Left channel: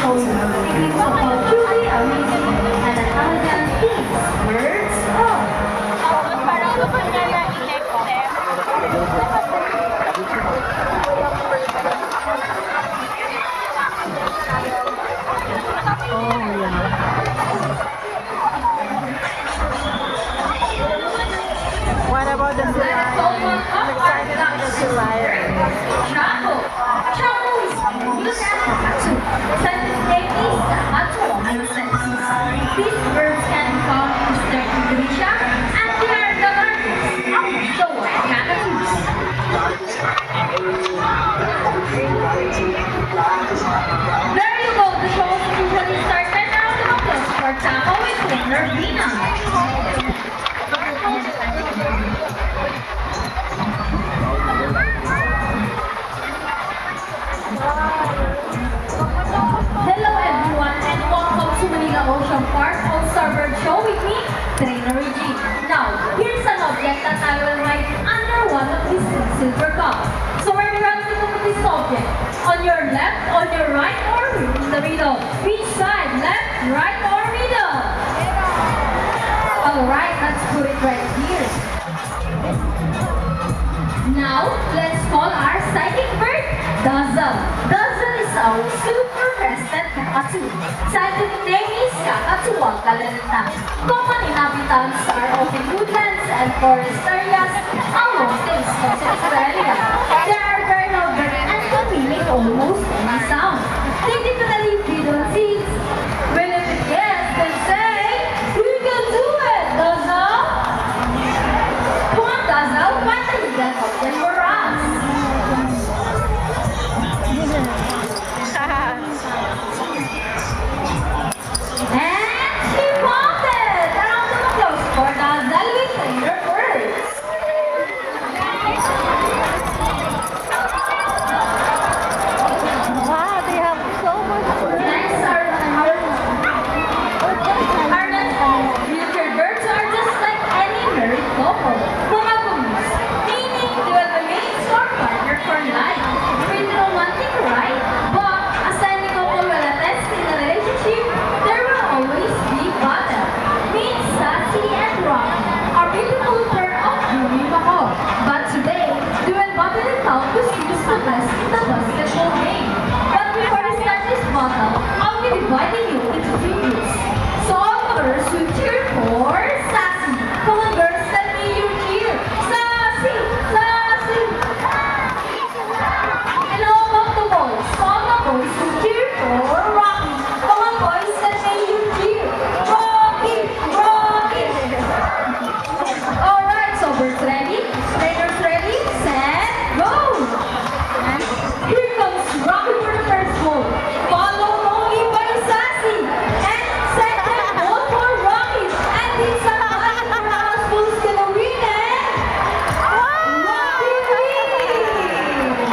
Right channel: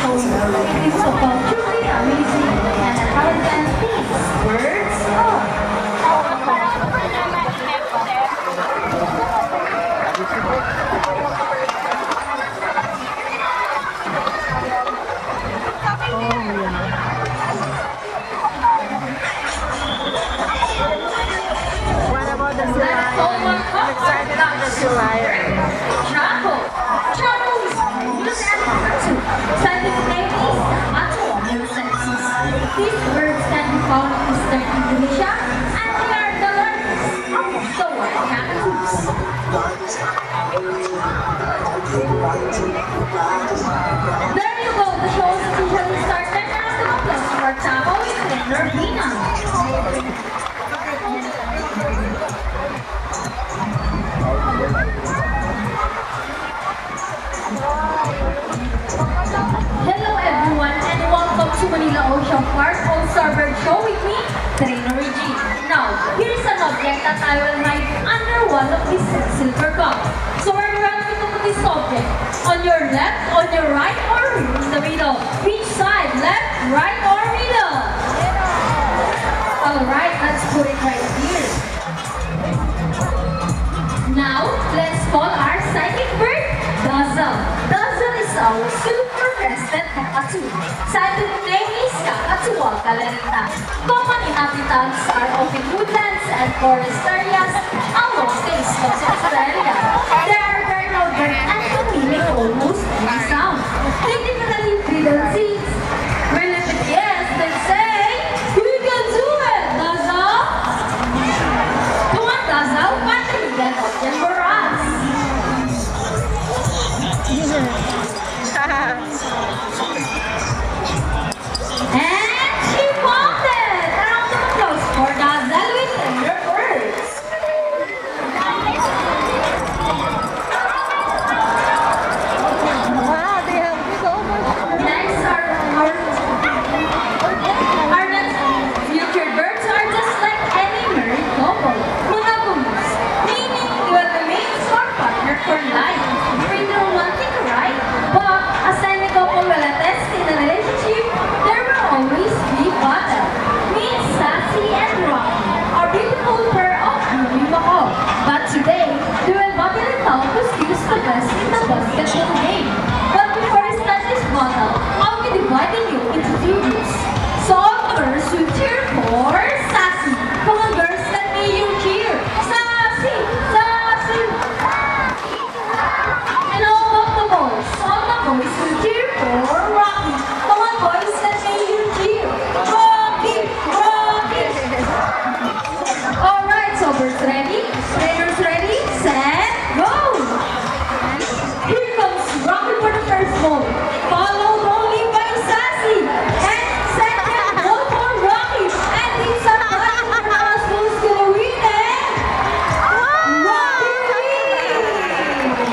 showing English of truly amazing and intelligent things. Words What about the sea lion? I'm excited for the sea lion. travel. Travel is scientific is natural senses. These birds can be found in eastern Indonesia and they are the largest. So, cockatoos. There you go, the show is officially started as the Plus for Taco with Trainer Rina. Hello everyone and welcome to Manila Ocean Park on Starboard Show with me, Trainer Reggie. Now, here's an object that I will write under one of these silver cups. So we're going to put this object on your left, on your right, or in the middle. Which side? Left, right, or middle? Alright, let's put it right here. Now, let's call our psychic bird, Dazzle. Dazzle is our super-rested cockatoo. Scientific name is Kakatuwang galerita. Common inhabitants are in woodlands and forest areas along the eastern Australia. They are very loud and can mimic almost any sound. They typically feed on seeds. When it's a guess, they say, "You can do it, Dazzle!" Come on, Dazzle, why don't you get open for us? And she found it! Round of applause for Dazzle with Trainer Birds. Wow, they have so much food. Next our next future birds are just like any married couple. Monogamous, meaning they will remain or partner for life. Pretty romantic, right? But as any couple will attest in a relationship, there will always be battle. Meet Sassy and Rocky, a beautiful pair of beauty mahal. But today, they will battle it out to see who's the best in the basketball game. But before we start this battle, I'll be dividing you into two groups. So all girls will cheer for Sassy. Come on girls, let me hear you cheer. Sassy! Sassy! And all of the boys will cheer for Rocky. Come on boys, let me hear you cheer. Rocky! Rocky! Alright, so birds ready? Trainers ready? Set, go! Here comes Rocky for the first ball. Followed only by Sassy. And second ball for Rocky. And it's a battle for us who's gonna win it. Rocky wins!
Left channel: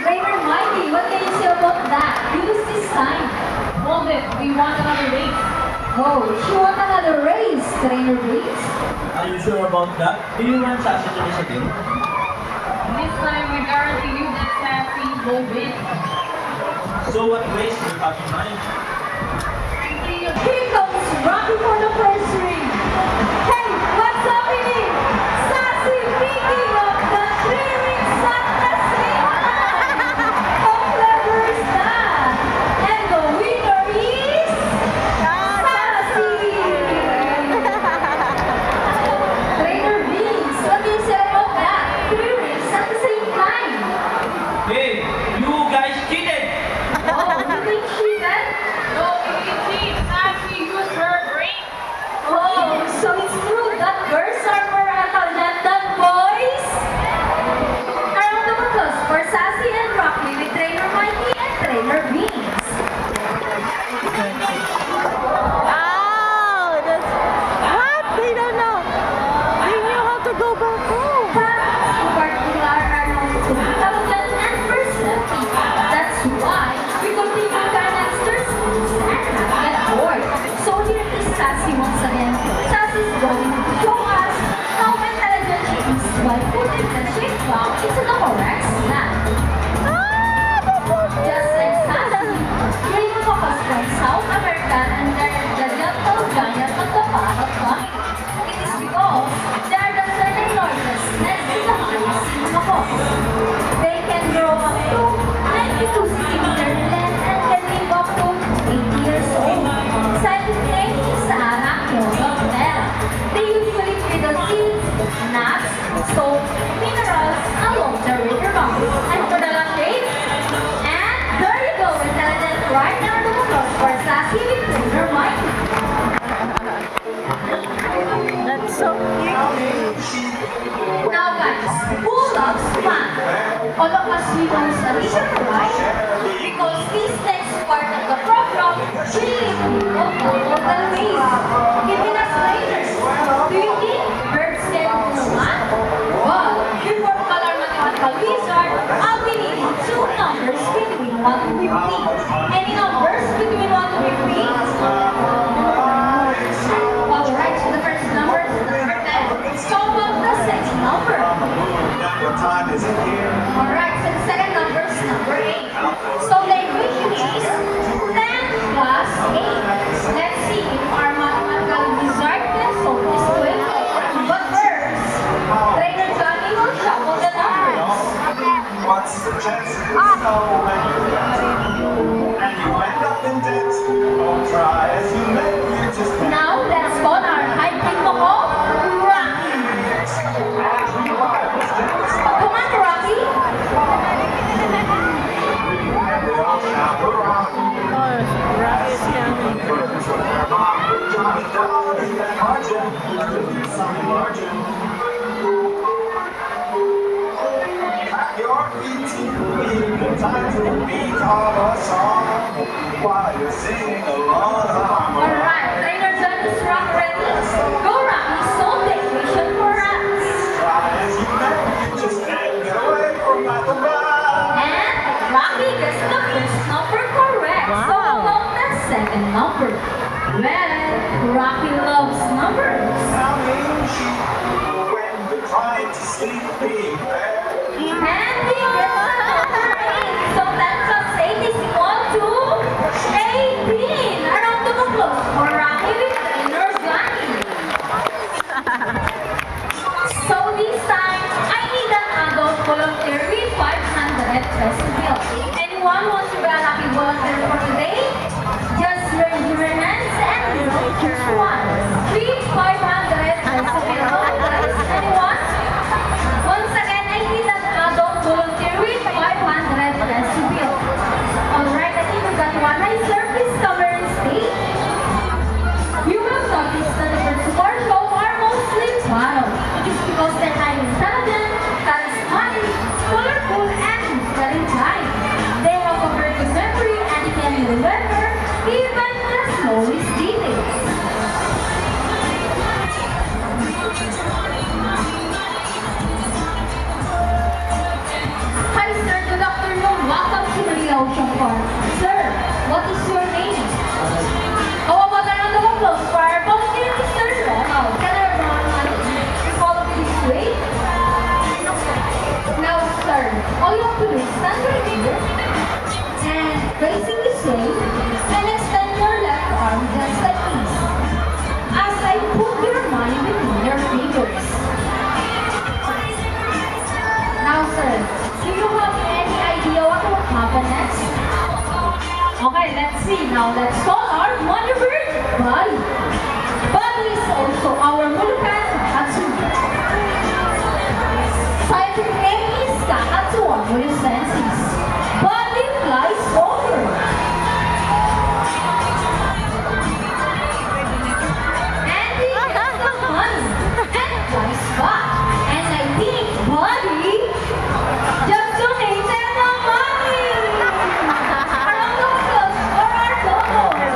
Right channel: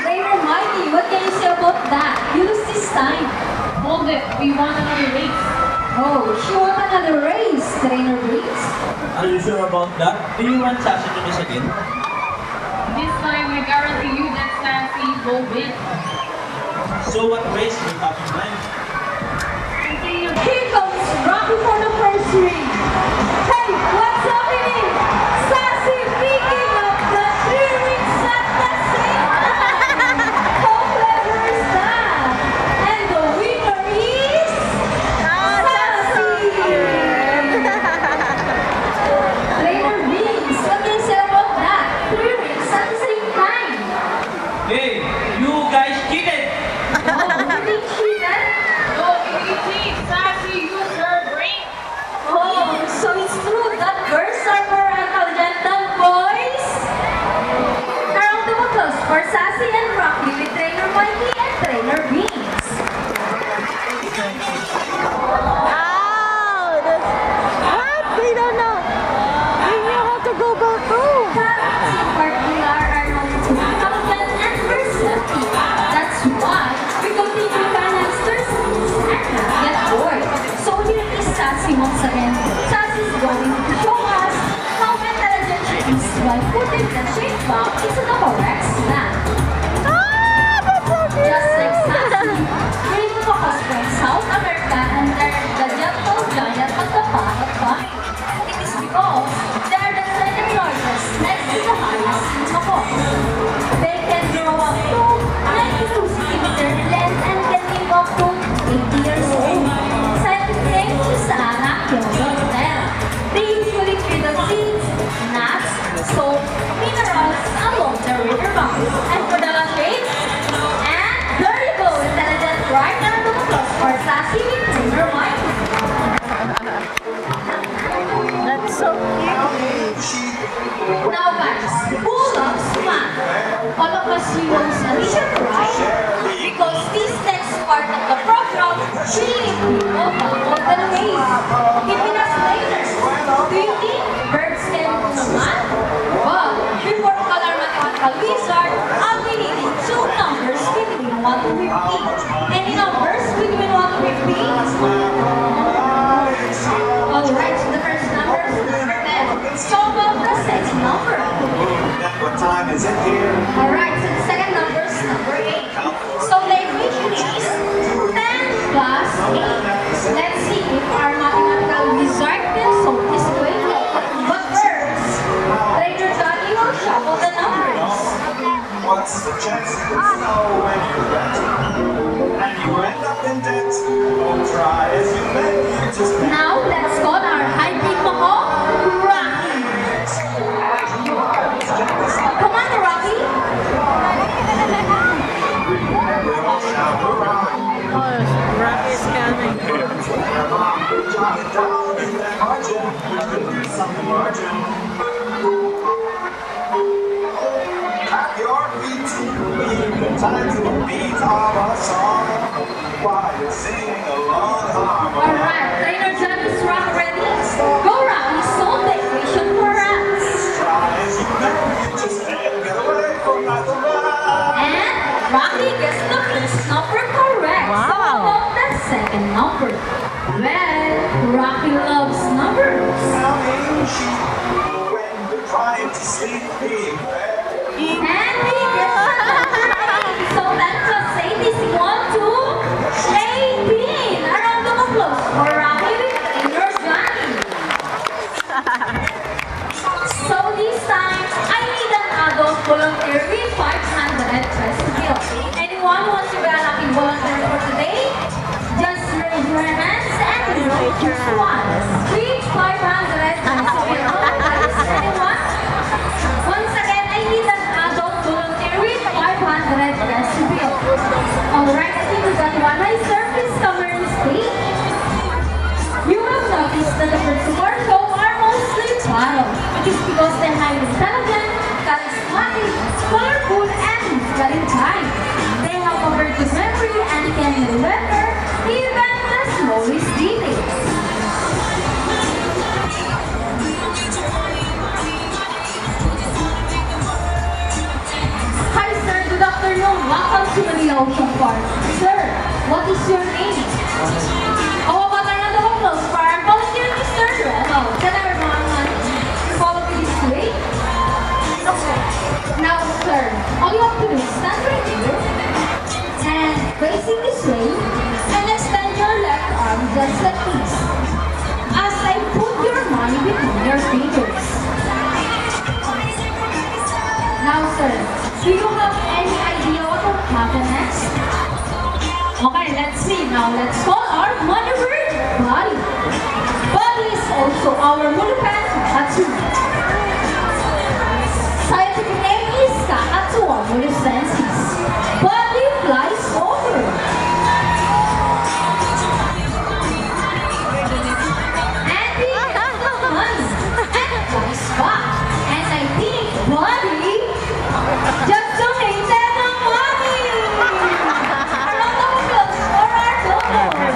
Trainer Mikey, what can you say about that? You lose this time. Hold it, we want another race. Oh, she won another race, Trainer Briggs. Are you sure about that? Do you want Sasha to miss again? This time we guarantee you that Sassy will win. So what race do you have in mind? Here comes Rocky for the first ring. Hey, what's happening? Sassy picking up the 3 rings at the same time. How clever is that? And the winner is Sassy. Trainer Vince, what do you say about that? 3 rings at the same time. Hey, you guys cheated! Oh, you think she did? Oh, easy, Sassy used her brain. Oh, so it's true that birds are more intelligent than boys? A round of applause for Sassy and Rocky with Trainer Mikey and Trainer Beans. Oh, that's what? They don't know. They knew how to go back home. Cats in particular are known to be tough and personality. That's why we continue canisters and not boy. So here is Sassy once again. Sassy is going to show us how intelligent she is by putting the shape box into the correct snap. Just like Sassy, Oh, rat is coming. Alright, trainer John is rock ready. Go rock, it's no vacation for us. And Rocky gets the first number correct. Wow. So about the second number. Well, Rocky loves numbers. And he gets the number 8. So let's just say this equal to 18. Around the applause for Rocky with trainer Johnny. So this time, I need an adult volunteer with 500 pesos bill. Anyone wants to be a lucky volunteer for today? Just raise your hands and we will choose one. Reach 500 pesos bill. Guys, anyone? Once again, I need an adult volunteer with 500 pesos bill. Alright, I think we got one. Hi sir, please cover the stage. You will notice that the birds of our show are mostly bottle. It is because they're highly intelligent, charismatic, colorful, and musically inclined. They have a very good memory and they can remember even the smallest details. Hi sir, good afternoon. Welcome to the Ocean Park. Sir, what is your name? How about a round of applause for our volunteer, Mr. Ronald? Can everyone follow me this way? Now, sir, all you have to do is stand right here and facing this way and extend your left arm just like this. As I put your money between your fingers. Now, sir, do you have any idea what will happen next? Okay, let's see. Now, let's call our money bird, Buddy. Buddy is also our Mulukan Katsumi. Scientific name is Kakatsuwa mulusensis. Buddy flies over. And he gets the money and flies back. And I think Buddy just donated the money. Round of applause for our donor.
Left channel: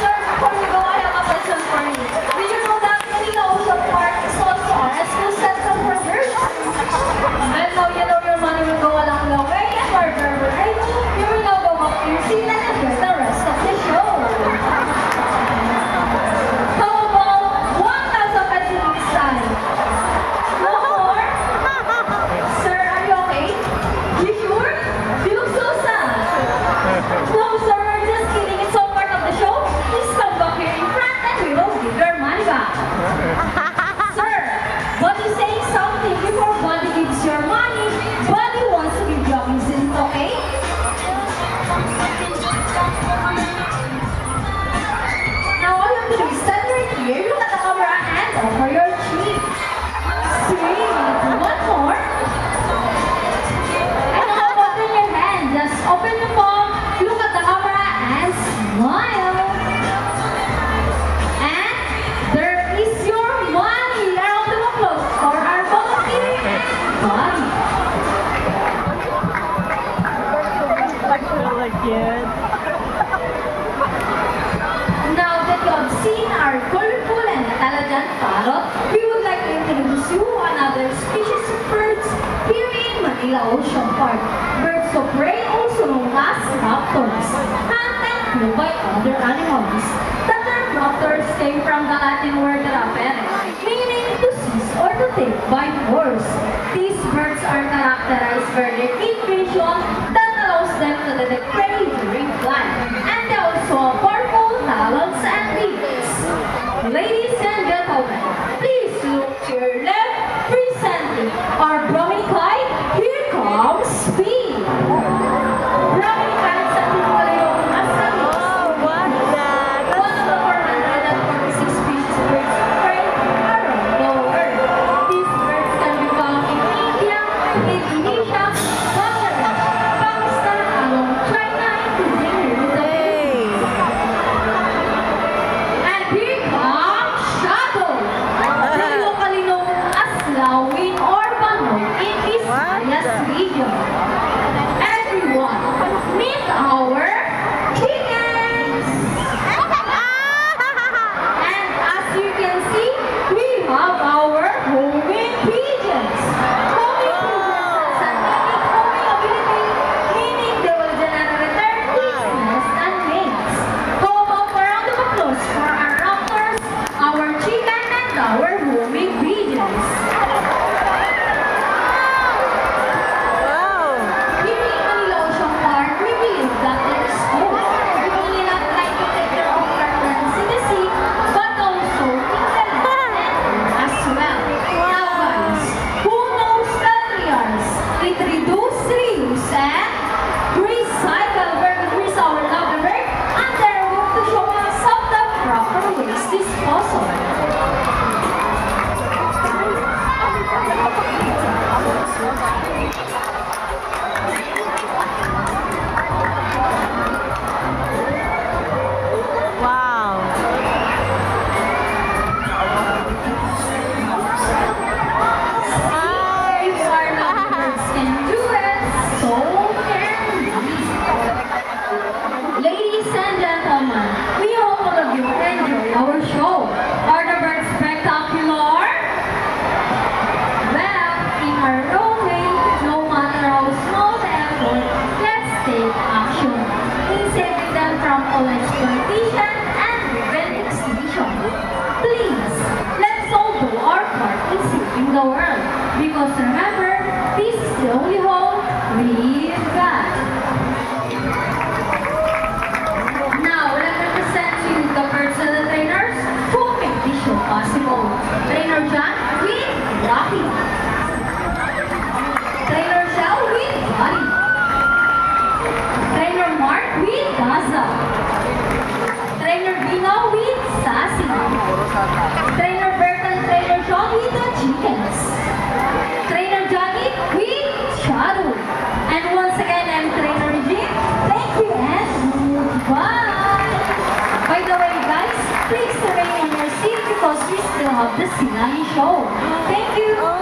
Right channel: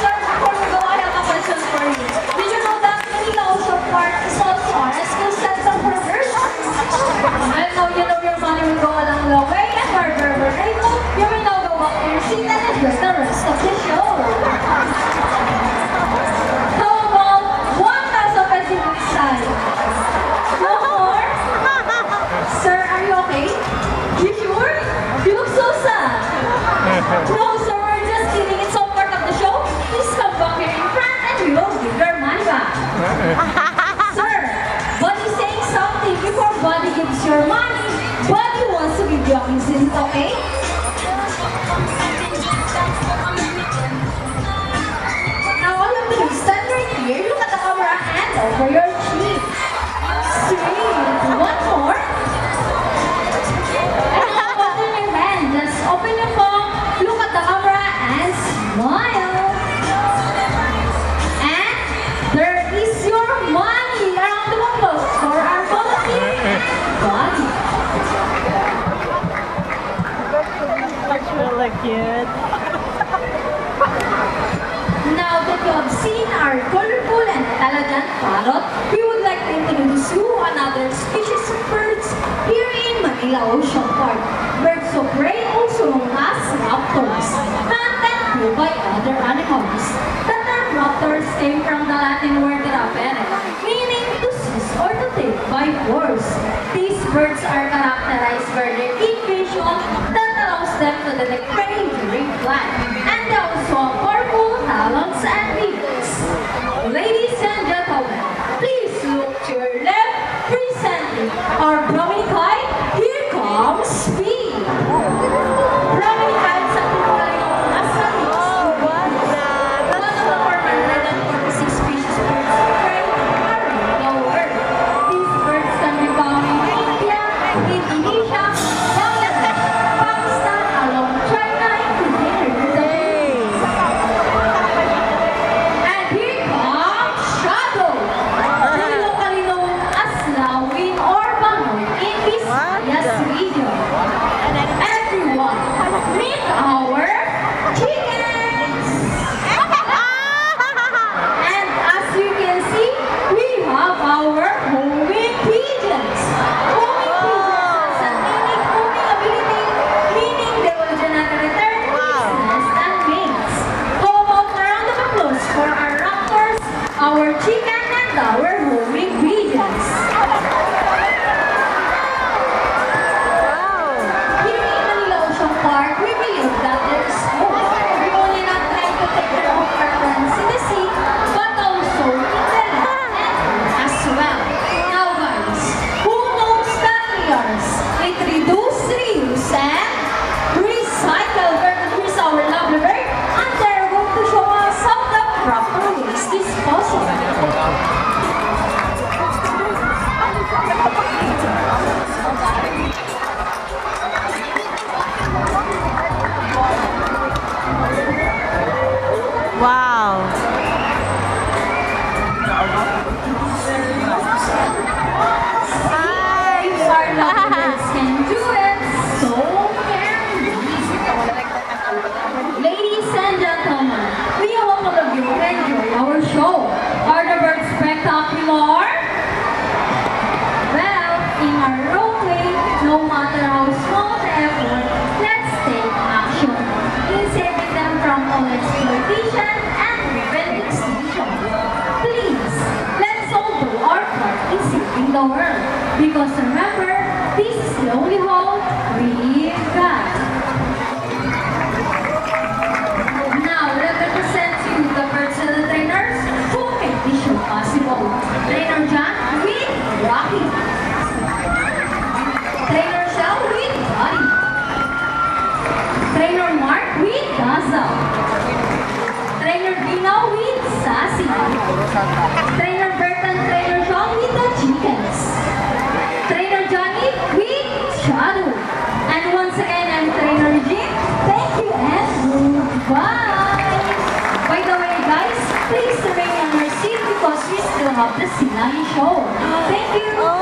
Sir, before we go, I have a question for you. Did you know that the Ocean Park is also a rescue center for birds? I know you know your money will go along the way, and wherever we're able, you will now go back to your seat and enjoy the rest of the show. How about 1,000 pesos on this side? No more? Sir, are you okay? You sure? You look so sad. No, sir, we're just kidding. It's all part of the show. Please come back here in front and we will give your money back. Sir, Buddy saying something before Buddy gives your money. Buddy wants to give you a kiss. Is it okay? Now all you have to do is stand right here. Look at the camera hand over your cheek. Sweet. One more. And now open your hand. Just open your palm. Look at the camera and smile. And there is your money. A round of applause for our volunteer Buddy. That's really cute. Now that you have seen our colorful and intelligent parrot, we would like to introduce you another species of birds here in Manila Ocean Park. Birds of prey, also known as raptors, hunted through by other animals. The term raptors came from the Latin word rapere, meaning to seize or to take by force. These birds are characterized by their keen vision that allows them to detect prey during flight, and they also have powerful talons and wings. Ladies and gentlemen, please look to your left, presenting our Brahmini kite. Here comes Speed. Brahmini kites are typically known as Oh, what's that? one That's of so our cute. 146 species of birds of prey around the world. These birds can be found in India, Indonesia, Bangladesh, Pakistan, along China, sila yung show. Thank you!